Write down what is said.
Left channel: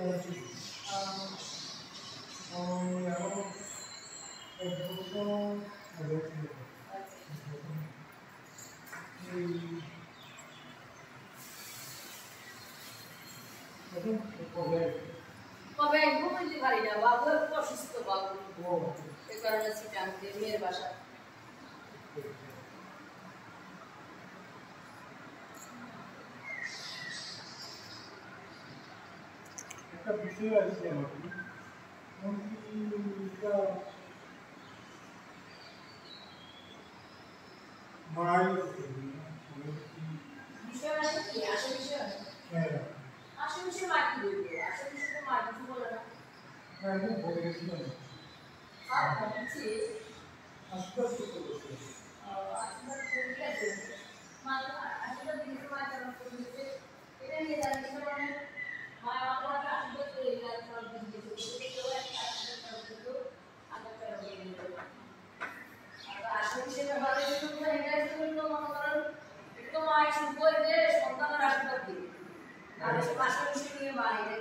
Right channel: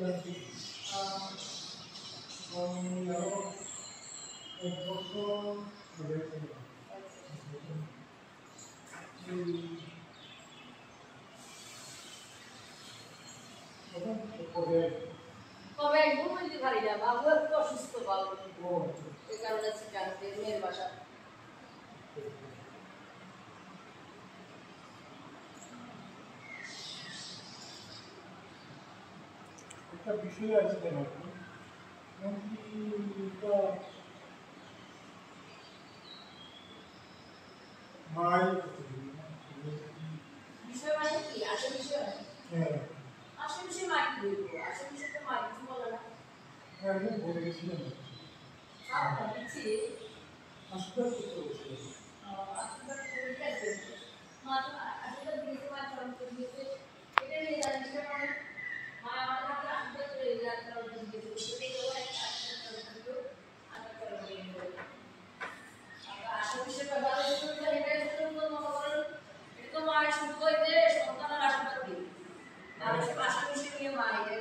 কবে একদম বলতে পারি না, বাবু একটু অসুস্থ, বাবু এই কারণে সিদ্ধান্তে মেয়ের বাসা। একটা বিষয় আছে আমাকে বিষয় মানে কি? আসল বিষয় আসল বিষয় মা কি বলবো? আসল বিষয় তো মা কিছু বলে না। বলে গেছিলেন দিচ্ছি আশীর্বাদ করতে বসে আশীর্বাদ করে গেছে মা, তো আশীর্বাদ দিয়েছে, মা চারণ করে দিয়েছে, এটা নিয়ে জানিস মানে মা আমার কাছে আশীর্বাদ করে চারণ করে দিয়েছে, এটাও একটা আশীর্বাদ চারণ করতো, আশীর্বাদ চারণ করে দিয়েছে। আসল বিষয় ব্যাপারে এটাই তো মনে করেন এটা তো মায়ের শুধু যে সন্তানের আশীর্বাদ দিবে, আর আসল বিষয় নিয়ে মা এটা